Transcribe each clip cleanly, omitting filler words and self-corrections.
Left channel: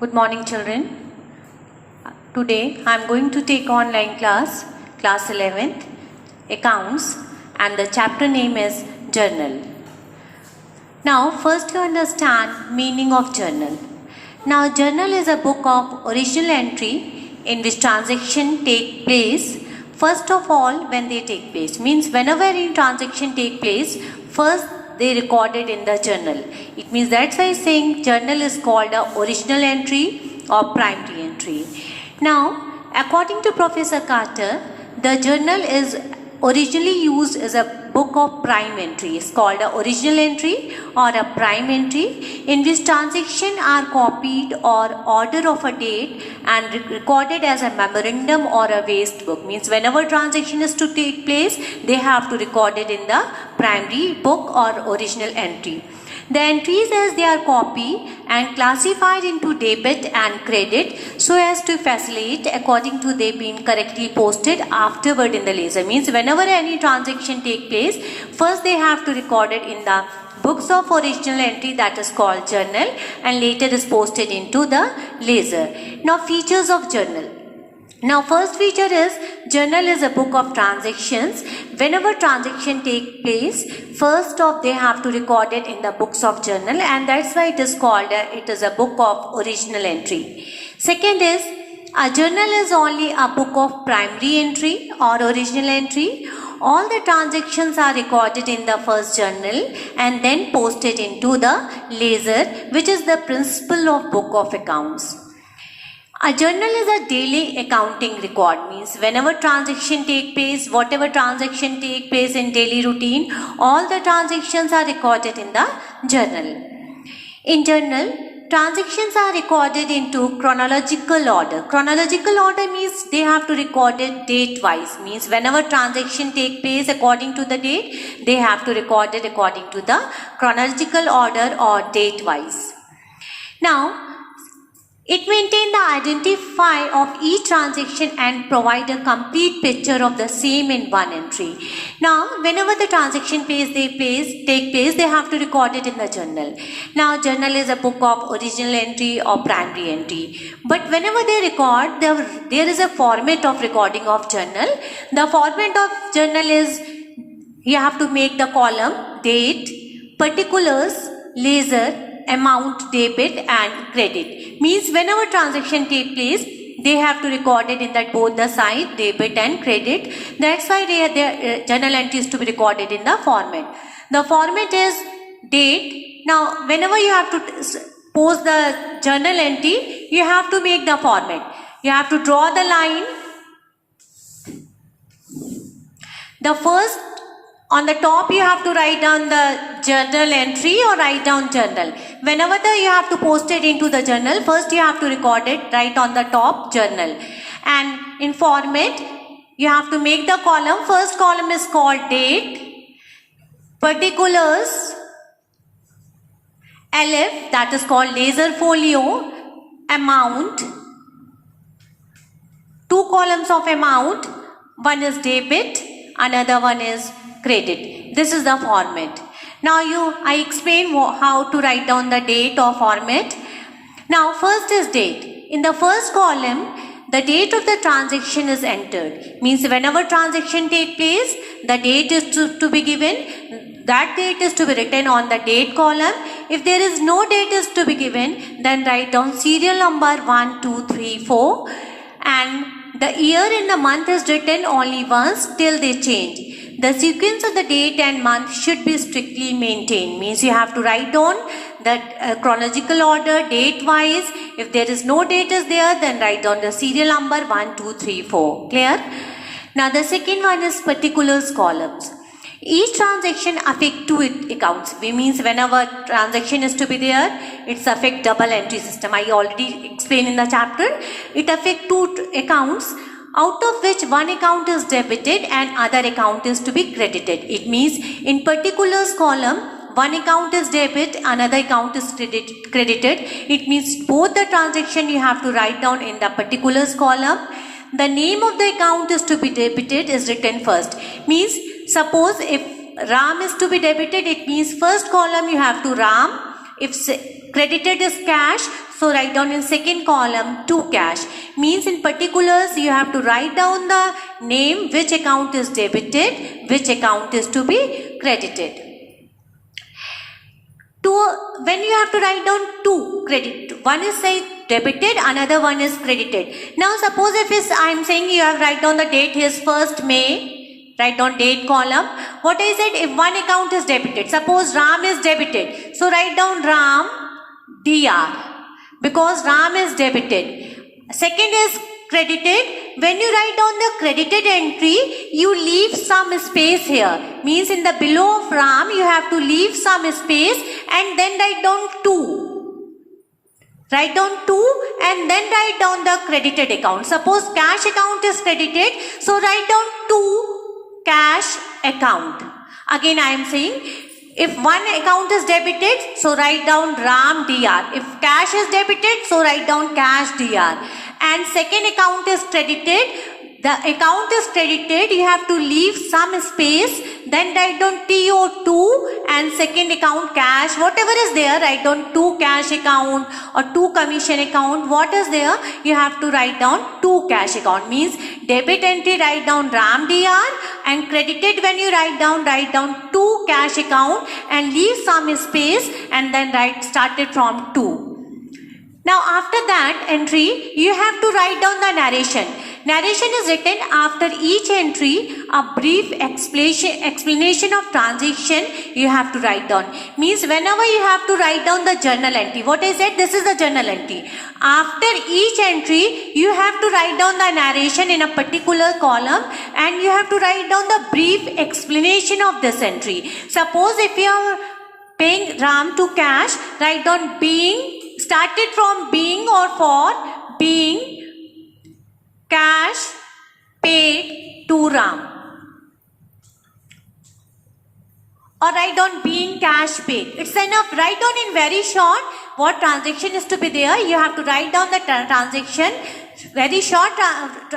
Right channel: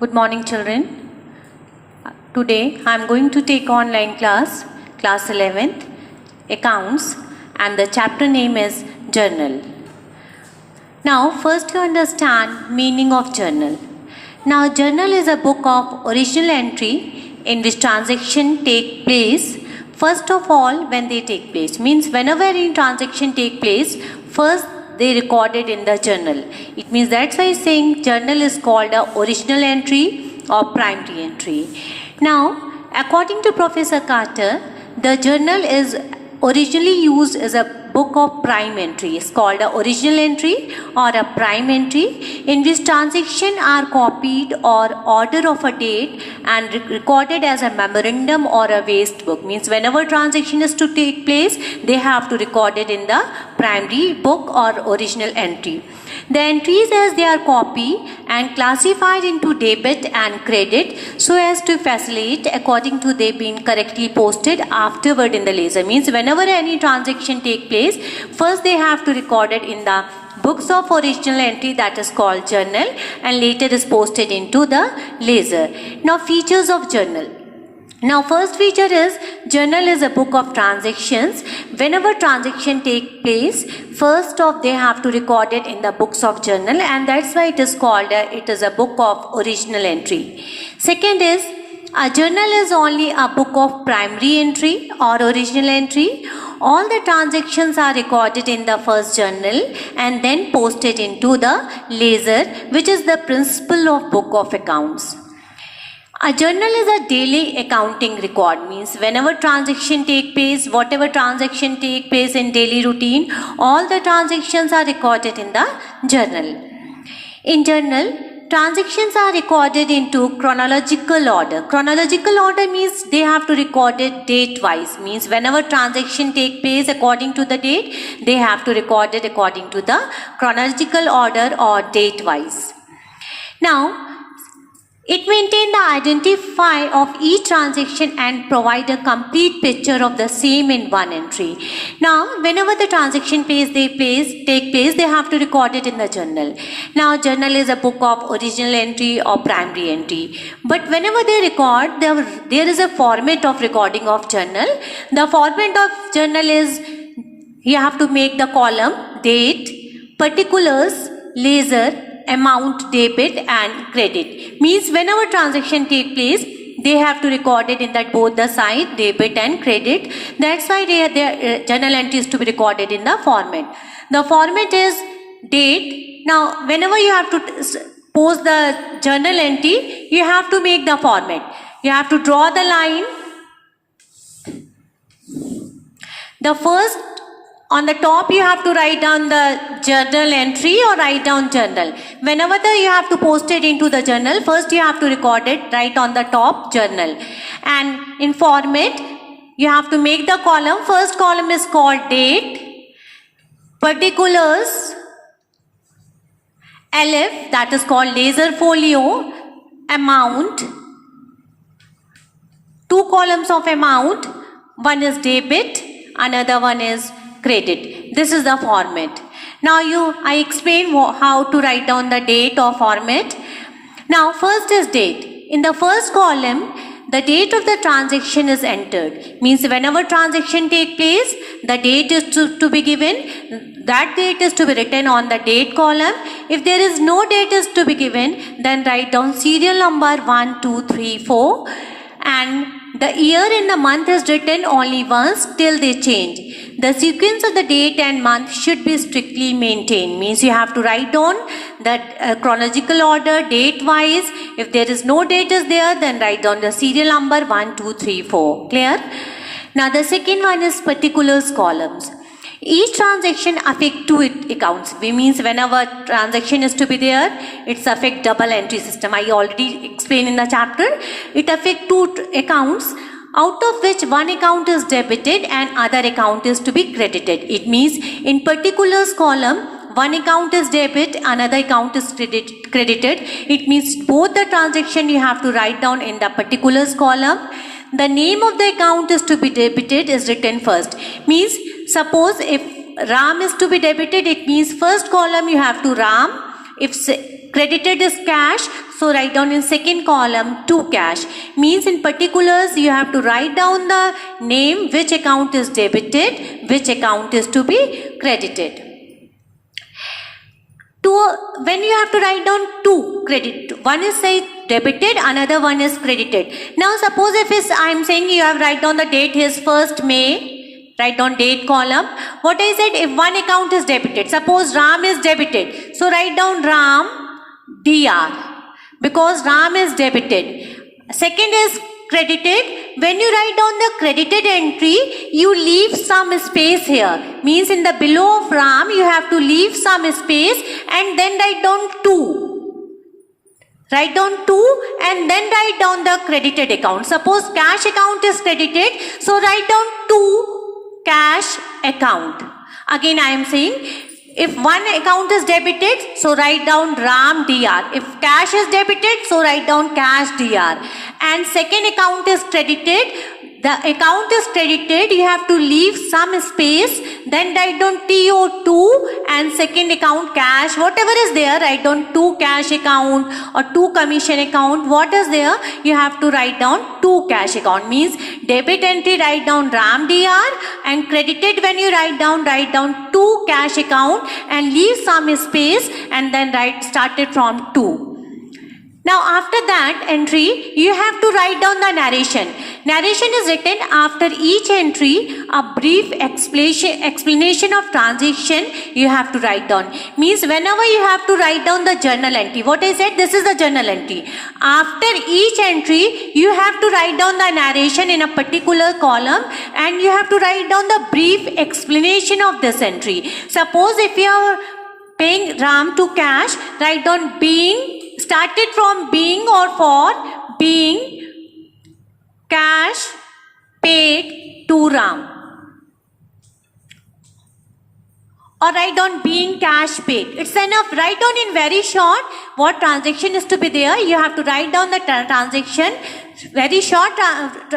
Good morning, children. Today I am going to take online class 11th, Accounts, and the chapter name is Journal. Now, first you understand meaning of journal. Now, journal is a book of original entry in which transaction take place. First of all, when they take place, means whenever any transaction take place, first they recorded in the journal. It means that's why saying journal is called a original entry or primary entry. Now, according to Professor Carter, the journal is originally used as a book of prime entry. It's called a original entry or a prime entry in which transactions are copied or order of a date and recorded as a memorandum or a waste book. Means whenever transaction is to take place, they have to record it in the primary book or original entry. The entries as they are copied and classified into debit and credit so as to facilitate according to they being correctly posted afterward in the ledger. Means whenever any transaction take place, first they have to record it in the books of original entry, that is called journal, and later is posted into the ledger. Now, features of journal. Now, first feature is journal is a book of transactions. Whenever transaction take place, first off they have to record it in the books of journal, and that's why it is called it is a book of original entry. Second is a journal is only a book of primary entry or original entry. All the transactions are recorded in the first journal and then posted into the ledger, which is the principle of book of accounts. A journal is a daily accounting record. Means whenever transaction take place, whatever transaction take place in daily routine, all the transactions are recorded in the journal. In journal, transactions are recorded into chronological order. Chronological order means they have to record it date wise. Means whenever transaction take place according to the date, they have to record it according to the chronological order or date wise. Now, it maintains the identifier of each transaction and provide a complete picture of the same in one entry. Now, whenever the transaction take place, they have to record it in the journal. Now, journal is a book of original entry or primary entry. But whenever they record, there is a format of recording of journal. The format of journal is you have to make the column date, particulars, ledger, amount, debit and credit. Means whenever transaction take place, they have to record it in that both the side, debit and credit. That's why their journal entry is to be recorded in the format. The format is date. Now, whenever you have to post the journal entry, you have to make the format. You have to draw the line. The first, on the top you have to write down the journal entry or write down journal. Whenever you have to post it into the journal, first you have to record it right on the top journal. And in format, you have to make the column. First column is called date, particulars, LF, that is called ledger folio, amount, two columns of amount, one is debit, another one is credit. This is the format. Now I explain how to write down the date or format. Now first is date. In the first column, the date of the transaction is entered. Means whenever transaction take place, the date is to be given. That date is to be written on the date column. If there is no date is to be given, then write down serial number 1, 2, 3, 4 and the year and the month is written only once till they change. The sequence of the date and month should be strictly maintained. Means you have to write down that chronological order, date wise. If there is no date is there, then write down the serial number 1, 2, 3, 4. Clear? Now the second one is particulars columns. Each transaction affect two accounts. It means whenever transaction is to be there, it's affect double entry system. I already explained in the chapter. It affect two accounts, out of which one account is debited and other account is to be credited. It means in particulars column, one account is debit, another account is credited. It means both the transaction you have to write down in the particulars column. The name of the account is to be debited is written first. Means suppose if RAM is to be debited, it means first column you have to RAM. If credited is cash, So write down in second column to cash. Means in particulars you have to write down the name, which account is debited, which account is to be credited. When you have to write down two credit, one is say debited, another one is credited. Now suppose if I am saying you have write down the date is 1st May, write down date column. What I said, if one account is debited, suppose Ram is debited, so write down Ram DR because Ram is debited. Second is credited. When you write down the credited entry, you leave some space here. Means in the below of Ram, you have to leave some space and then write down 2. Write down 2 and then write down the credited account. Suppose cash account is credited, so write down 2 cash account. Again I am saying, if one account is debited, so write down Ram DR. If cash is debited, so write down cash DR. And second account is credited. The account is credited, you have to leave some space, then write down TO2 and second account cash. Whatever is there, write down 2 cash account or 2 commission account. What is there, you have to write down 2 cash account. Means debit entry, write down Ram DR, and credited when you write down 2 cash account and leave some space and then started from 2. Now after that entry, you have to write down the narration. Narration is written after each entry, a brief explanation of transaction you have to write down. Means whenever you have to write down the journal entry, what I said, this is the journal entry. After each entry, you have to write down the narration in a particular column and you have to write down the brief explanation of this entry. Suppose if you are paying Ram to cash, write down being, started from being or for being cash paid to Ram. Or write down being cash paid. It's enough. Write down in very short what transaction is to be there. You have to write down the transaction. Very short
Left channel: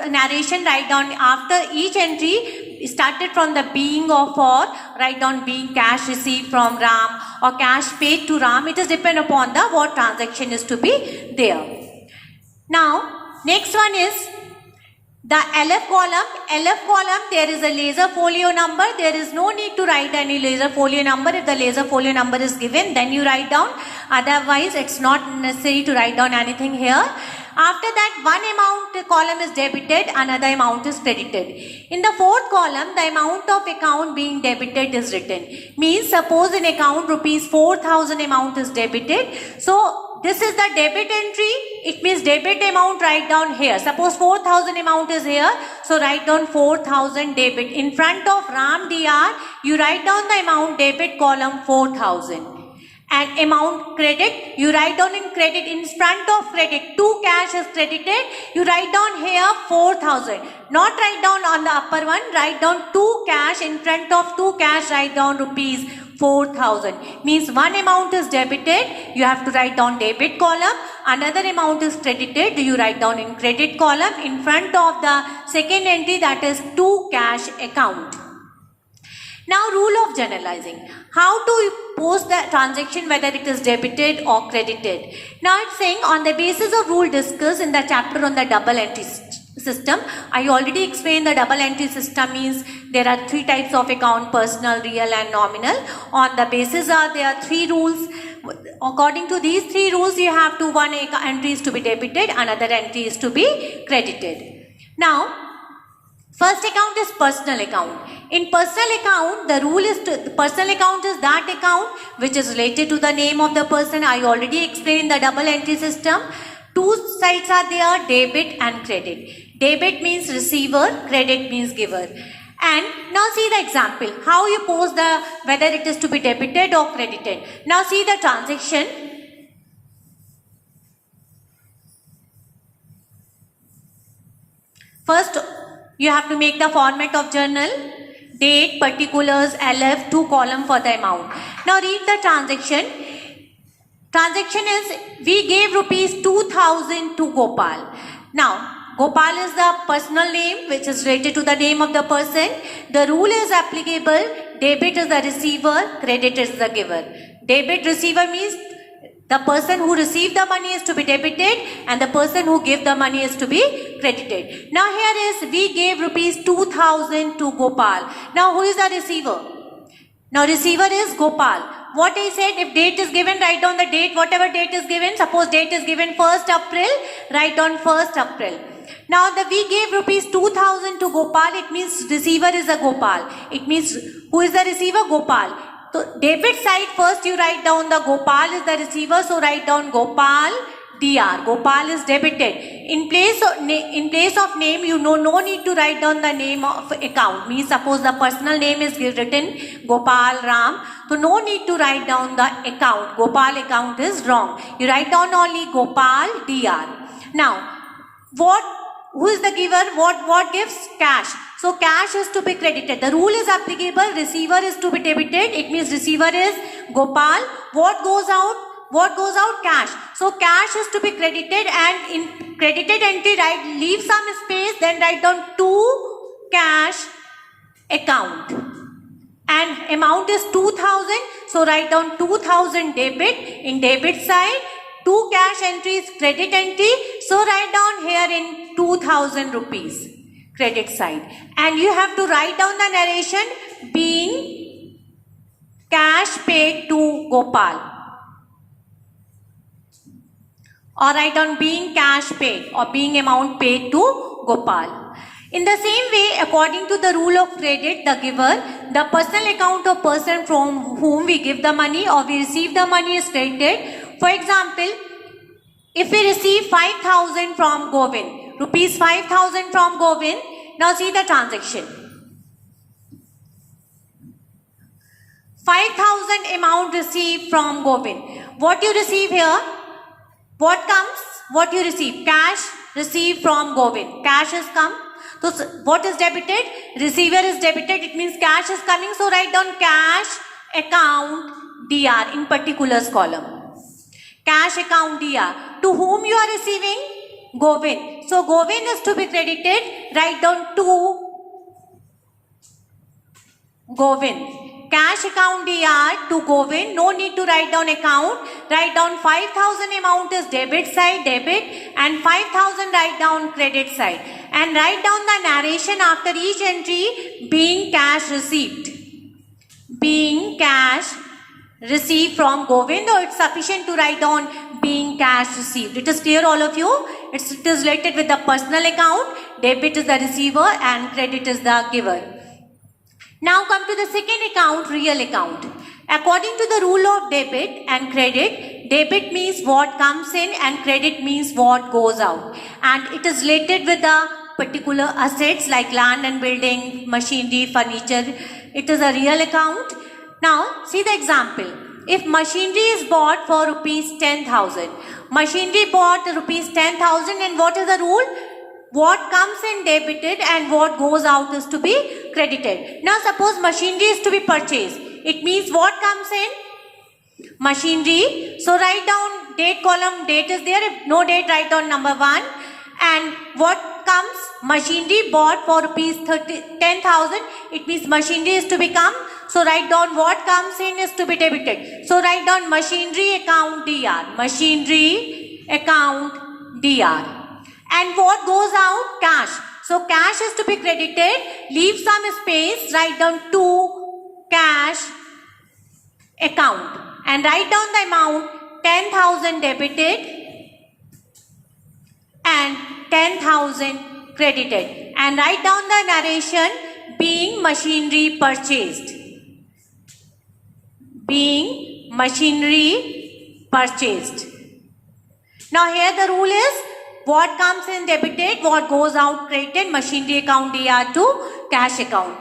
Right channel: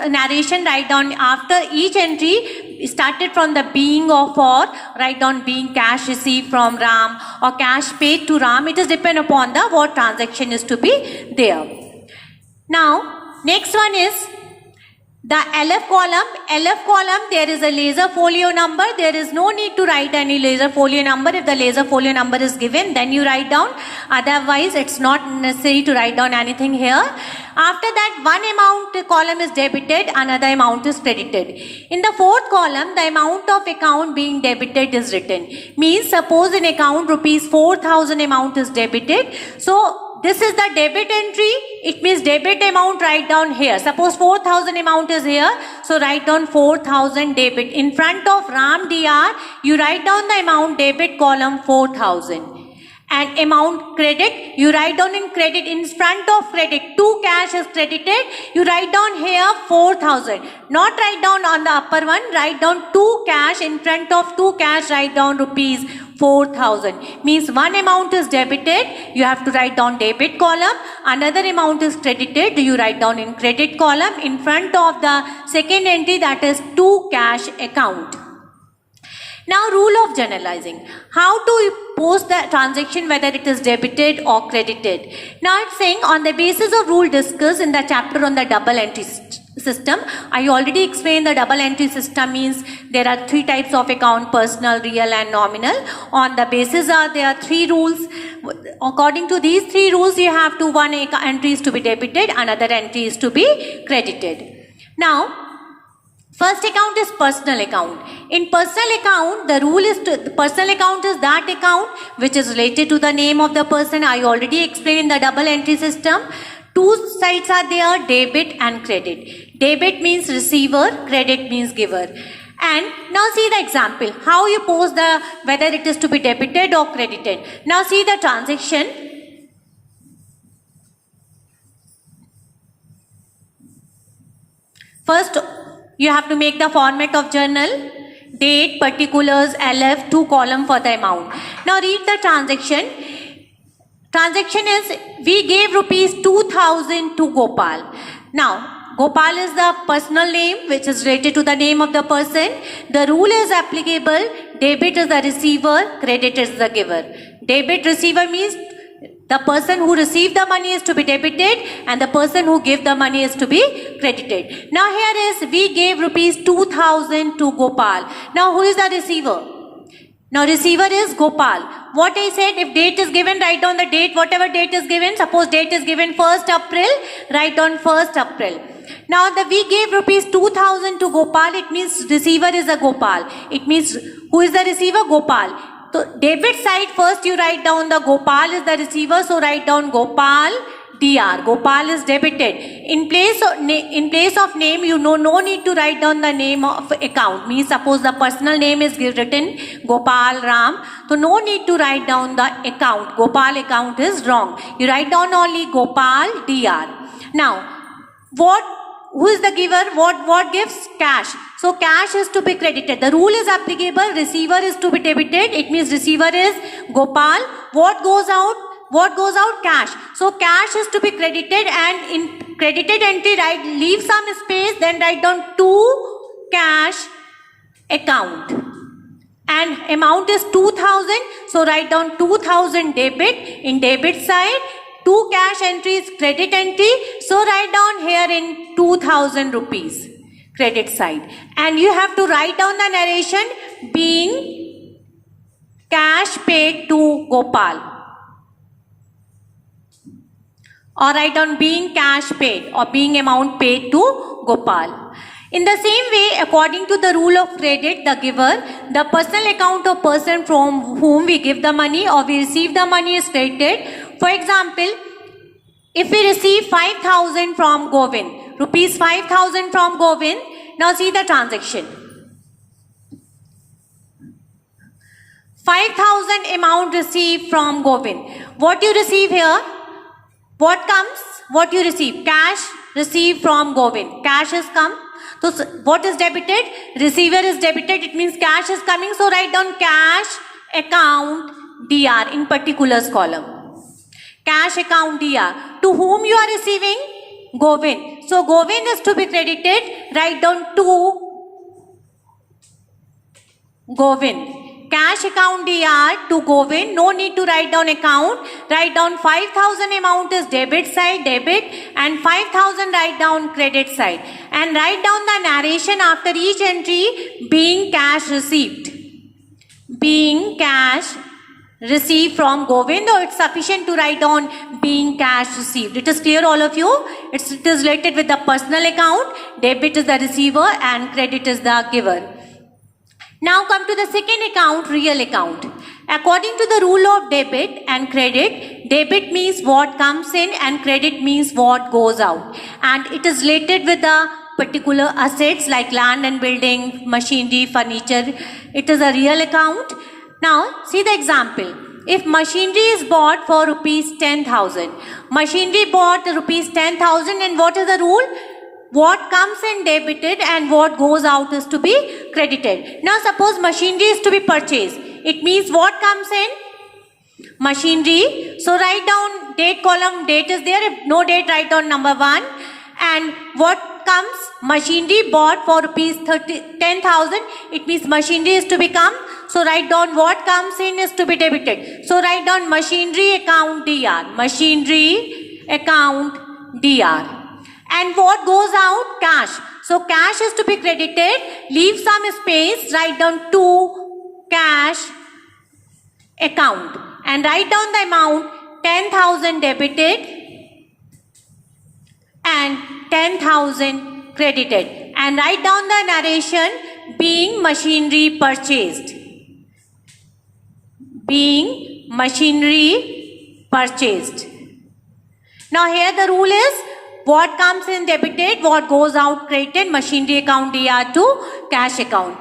narration. Write down after each entry. Started from the being or for. Write down being cash received from Ram or cash paid to Ram. It is depend upon the what transaction is to be there. Now next one is the LF column, there is a laser folio number. There is no need to write any laser folio number. If the laser folio number is given, then you write down. Otherwise, it's not necessary to write down anything here. After that, one amount column is debited, another amount is credited. In the fourth column, the amount of account being debited is written. Means suppose in account rupees 4,000 amount is debited. So this is the debit entry. It means debit amount, write down here. Suppose 4,000 amount is here. So write down 4,000 debit. In front of Ram DR, you write down the amount debit column 4,000. And amount credit, you write down in credit, in front of credit, 2 cash is credited, you write down here 4,000. Not write down on the upper one, write down 2 cash, in front of 2 cash, write down rupees 4,000. Means one amount is debited, you have to write down debit column, another amount is credited, you write down in credit column, in front of the second entry, that is 2 cash account. Now rule of generalizing. How to post the transaction whether it is debited or credited. Now it's saying on the basis of rule discussed in the chapter on the double entry system. I already explained the double entry system means there are 3 types of account: personal, real and nominal. On the basis there are 3 rules. According to these 3 rules, you have to one entry is to be debited, another entry is to be credited. Now first account is personal account. In personal account, the rule is the personal account is that account which is related to the name of the person. I already explained in the double entry system. 2 sides are there, debit and credit. Debit means receiver, credit means giver. And now see the example. How you post the whether it is to be debited or credited. Now see the transaction. First, you have to make the format of journal, date, particulars, LF, 2 column for the amount. Now read the transaction. Transaction is we gave rupees 2,000 to Gopal. Now Gopal is the personal name which is related to the name of the person. The rule is applicable. Debit is the receiver, credit is the giver. Debit receiver means The person who received the money is to be debited and the person who gave the money is to be credited. Now here is we gave rupees 2000 to Gopal. Now who is the receiver? Now receiver is Gopal. What I said, if date is given, write down the date, whatever date is given. Suppose date is given 1st April, write down 1st April. Now we gave rupees 2000 to Gopal, it means receiver is a Gopal. It means who is the receiver? Gopal. So debit side, first you write down the Gopal is the receiver, so write down Gopal DR. Gopal is debited. In place of name, you know no need to write down the name of account. Means suppose the personal name is written Gopal Ram, so no need to write down the account. Gopal account is wrong. You write down only Gopal DR. Now who is the giver? What gives? Cash. So cash is to be credited. The rule is applicable. Receiver is to be debited. It means receiver is Gopal. What goes out? What goes out? Cash. So cash is to be credited, and in credited entry leave some space, then write down to cash account. And amount is 2000. So write down 2000 debit. In debit side, 2 cash entries, credit entry. So write down here in 2000 rupees, credit side. And you have to write down the narration being cash paid to Gopal. Or write down being cash paid or being amount paid to Gopal. In the same way, according to the rule of credit, the giver, the personal account of person from whom we give the money or we receive the money is credited. For example, if we receive 5,000 from Govind, rupees 5,000 from Govind, now see the transaction. 5,000 amount received from Govind. What you receive here? What comes? What you receive? Cash received from Govind. Cash has come. So what is debited? Receiver is debited. It means cash is coming. So write down cash account DR in particulars column. Cash account DR. To whom you are receiving? Govind. So Govind is to be credited. Write down to Govind. Cash account DR to Govind. No need to write down account. Write down 5,000 amount is debit side, debit, and 5,000 write down credit side. And write down the narration after each entry being cash received. Being cash received from Govind, or it's sufficient to write down being cash received. It is clear all of you? It is related with the personal account. Debit is the receiver and credit is the giver. Now come to the second account, real account. According to the rule of debit and credit, debit means what comes in and credit means what goes out. And it is related with the particular assets like land and building, machinery, furniture. It is a real account. Now see the example. If machinery is bought for rupees 10,000, machinery bought rupees 10,000, and what is the rule? What comes in debited and what goes out is to be credited. Now suppose machinery is to be purchased. It means what comes in? Machinery. So write down date column, date is there. If no date, write down number 1. And what comes? Machinery bought for rupees 10,000. It means machinery is to become. So write down what comes in is to be debited. So write down machinery account DR. Machinery account DR. And what goes out? Cash. So cash is to be credited. Leave some space. Write down to cash account. And write down the amount 10,000 debited and 10,000 credited. And write down the narration being machinery purchased. Being machinery purchased. Now here the rule is what comes in debited, what goes out credited, machinery account DR to cash account.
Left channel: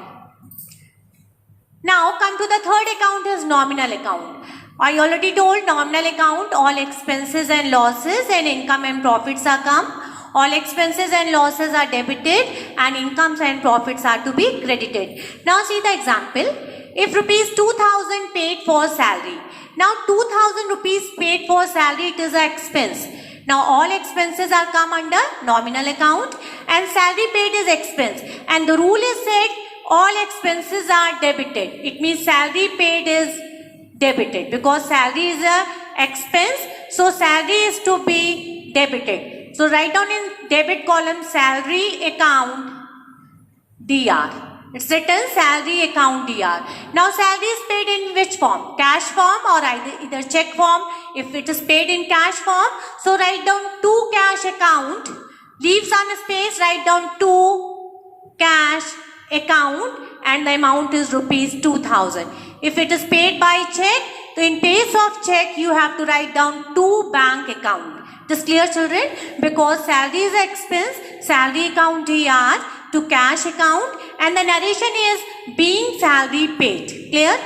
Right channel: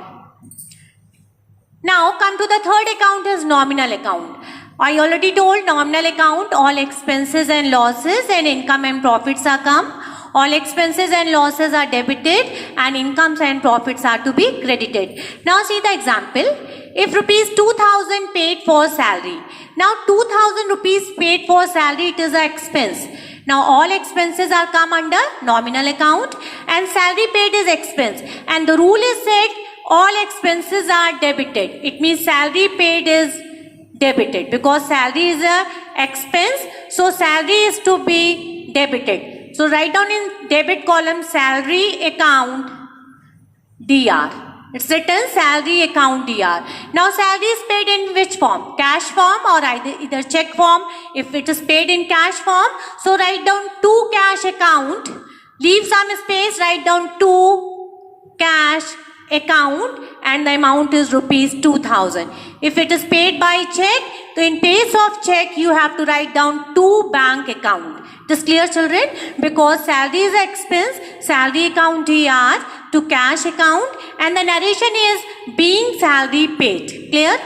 Now come to the third account is nominal account. I already told nominal account, all expenses and losses and income and profits are come. All expenses and losses are debited and incomes and profits are to be credited. Now see the example. If rupees 2,000 paid for salary. Now 2,000 rupees paid for salary, it is an expense. Now all expenses are come under nominal account and salary paid is expense. And the rule is said all expenses are debited. It means salary paid is debited because salary is a expense, so salary is to be debited. So write down in debit column salary account DR. It's written salary account DR. Now salary is paid in which form? Cash form or either check form. If it is paid in cash form, so write down to cash account. Leave some space, write down to cash account and the amount is rupees 2000. If it is paid by check, so in place of check you have to write down to bank account. It is clear, children? Because salary is expense, salary account DR to cash account and the narration is being salary paid. Clear?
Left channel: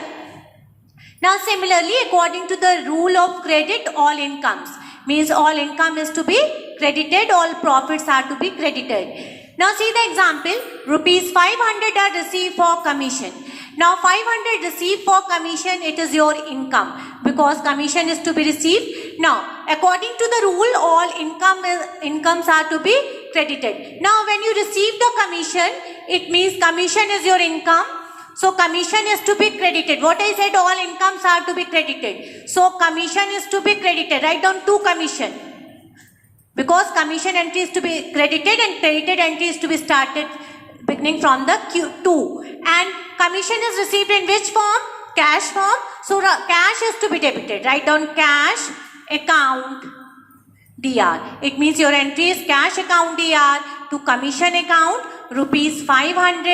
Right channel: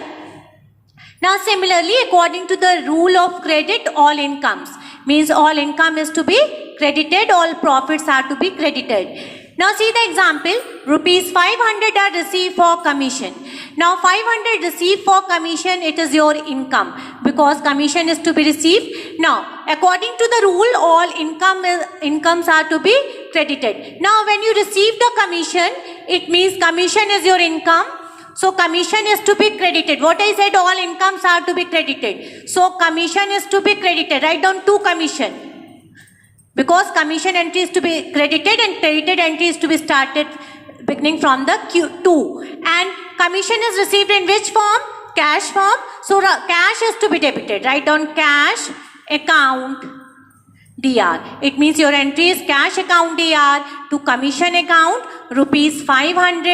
Now similarly, according to the rule of credit, all incomes means all income is to be credited, all profits are to be credited. Now see the example, rupees 500 are received for commission. Now 500 received for commission, it is your income because commission is to be received. Now according to the rule, all incomes are to be credited. Now when you receive the commission, it means commission is your income. So commission is to be credited. What I said, all incomes are to be credited. So commission is to be credited. Write down to commission. Because commission entry is to be credited and credited entry is to be started beginning from the Q2. And commission is received in which form? Cash form. So cash is to be debited. Write down cash account DR. It means your entry is cash account DR to commission account rupees 500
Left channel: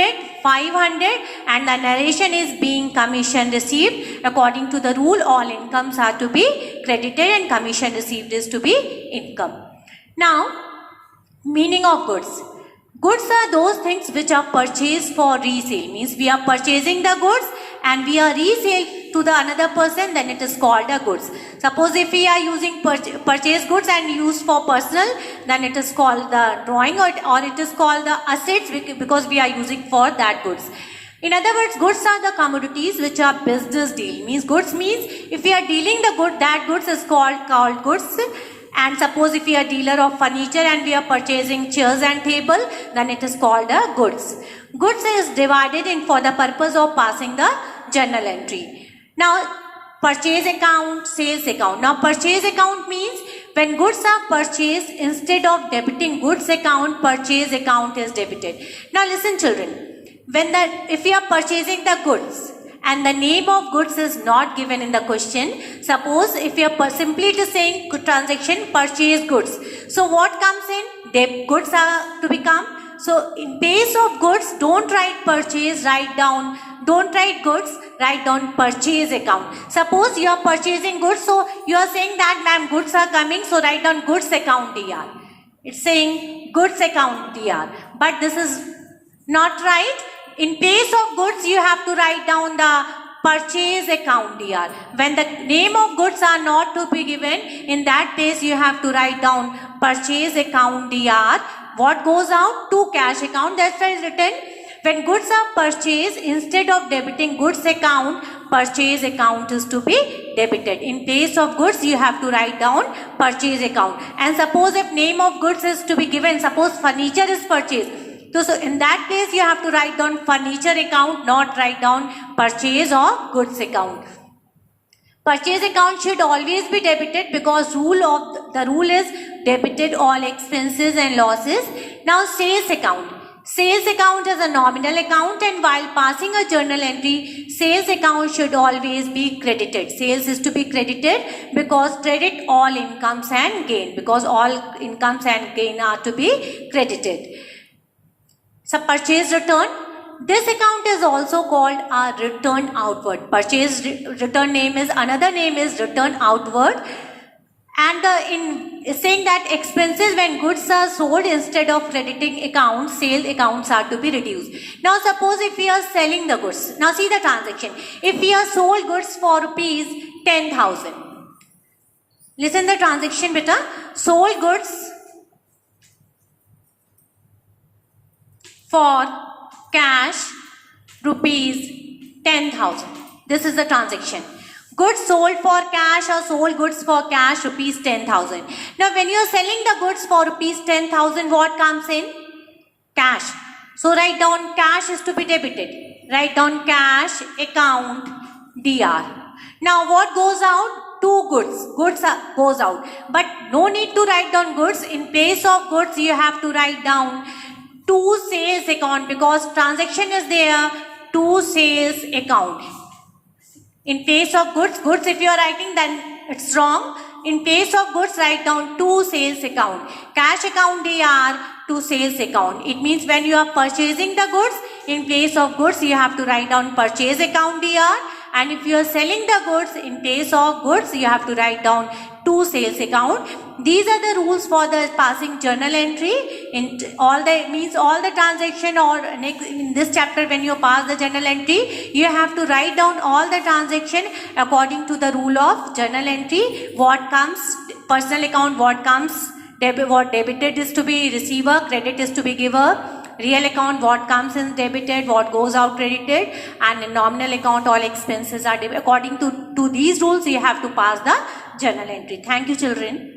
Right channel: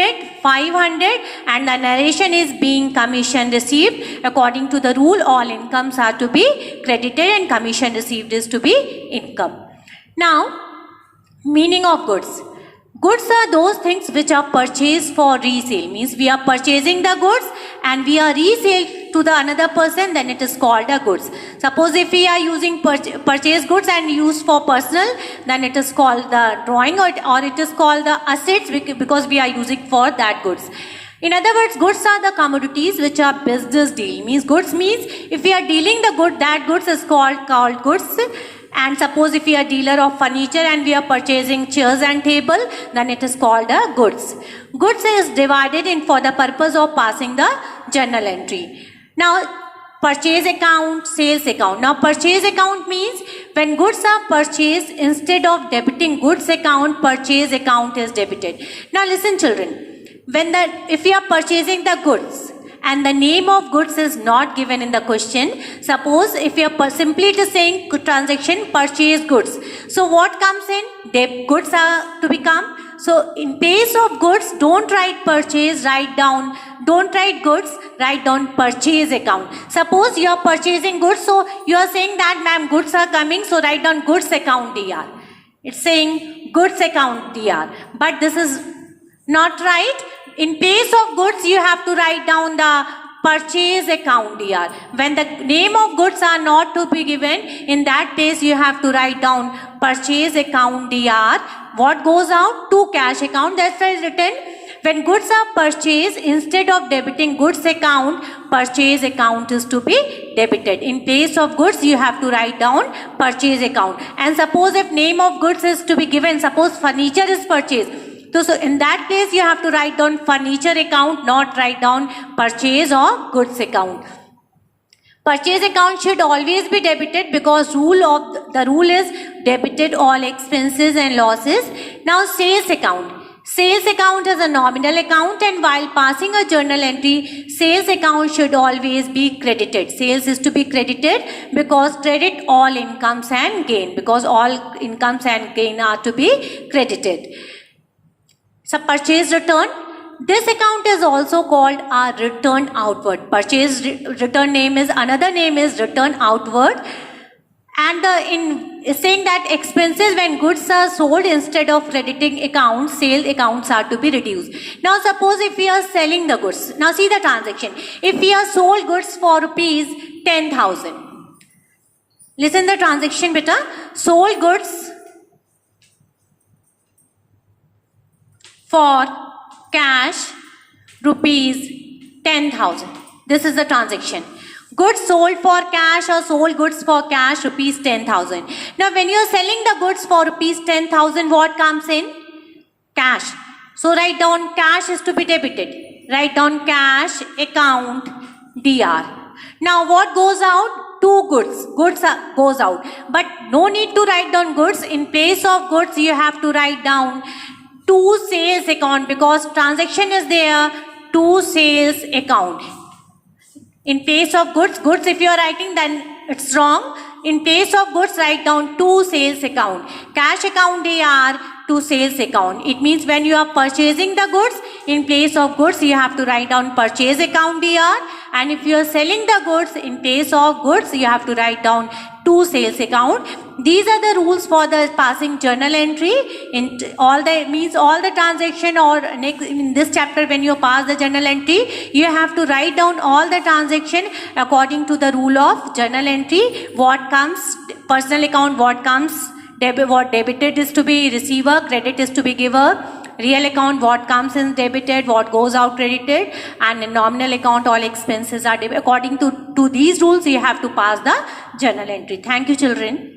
and the narration is being commission received. According to the rule, all incomes are to be credited and commission received is to be income. Now, meaning of goods. Goods are those things which are purchased for resale. Means we are purchasing the goods and we are resale to the another person, then it is called a goods. Suppose if we are using purchase goods and used for personal, then it is called the drawing or it is called the assets because we are using for that goods. In other words, goods are the commodities which are business deal. Means goods means if we are dealing the good, that goods is called goods. And suppose if we are dealer of furniture and we are purchasing chairs and table, then it is called a goods. Goods is divided in for the purpose of passing the journal entry. Now purchase account, sales account. Now purchase account means when goods are purchased, instead of debiting goods account, purchase account is debited. Now listen children, if we are purchasing the goods and the name of goods is not given in the question, suppose if you are simply just saying transaction purchase goods, so what comes in? Goods are to become. So in place of goods, don't write purchase, don't write goods, write down purchase account. Suppose you are purchasing goods, so you are saying that ma'am goods are coming, so write down goods account DR. It's saying goods account DR, but this is not right. In place of goods, you have to write down the purchase account DR. When the name of goods are not to be given, in that case you have to write down purchase account DR. What goes out? To cash account. That's why it's written. When goods are purchased, instead of debiting goods account, purchase account is to be debited. In place of goods, you have to write down purchase account. And suppose if name of goods is to be given, suppose furniture is purchased. So in that case, you have to write down furniture account, not write down purchase or goods account. Purchase account should always be debited because the rule is debited all expenses and losses. Now sales account. Sales account is a nominal account and while passing a journal entry, sales account should always be credited. Sales is to be credited because credit all incomes and gain, because all incomes and gain are to be credited. So purchase return. This account is also called a return outward. Purchase return another name is return outward. And in saying that expenses when goods are sold, instead of crediting accounts, sales accounts are to be reduced. Now suppose if we are selling the goods. Now see the transaction. If we are sold goods for rupees 10,000. Listen the transaction beta. Sold goods for cash rupees 10,000. This is the transaction. Goods sold for cash or sold goods for cash rupees 10,000. Now when you are selling the goods for rupees 10,000, what comes in? Cash. So write down cash is to be debited. Write down cash account DR. Now what goes out? two goods. Goods goes out. But no need to write down goods. In place of goods, you have to write down to sales account because transaction is there. To sales account. In place of goods if you are writing then it's wrong. In place of goods, write down to sales account. Cash account AR to sales account. It means when you are purchasing the goods, in place of goods, you have to write down purchase account AR. And if you are selling the goods, in place of goods, you have to write down to sales account. These are the rules for the passing journal entry. In all the transaction or next in this chapter when you pass the journal entry, you have to write down all the transaction according to the rule of journal entry. What comes personal account, what comes what debited is to be receiver, credit is to be giver. Real account, what comes in debited, what goes out credited, and in nominal account, all expenses are according to these rules. You have to pass the journal entry. Thank you, children.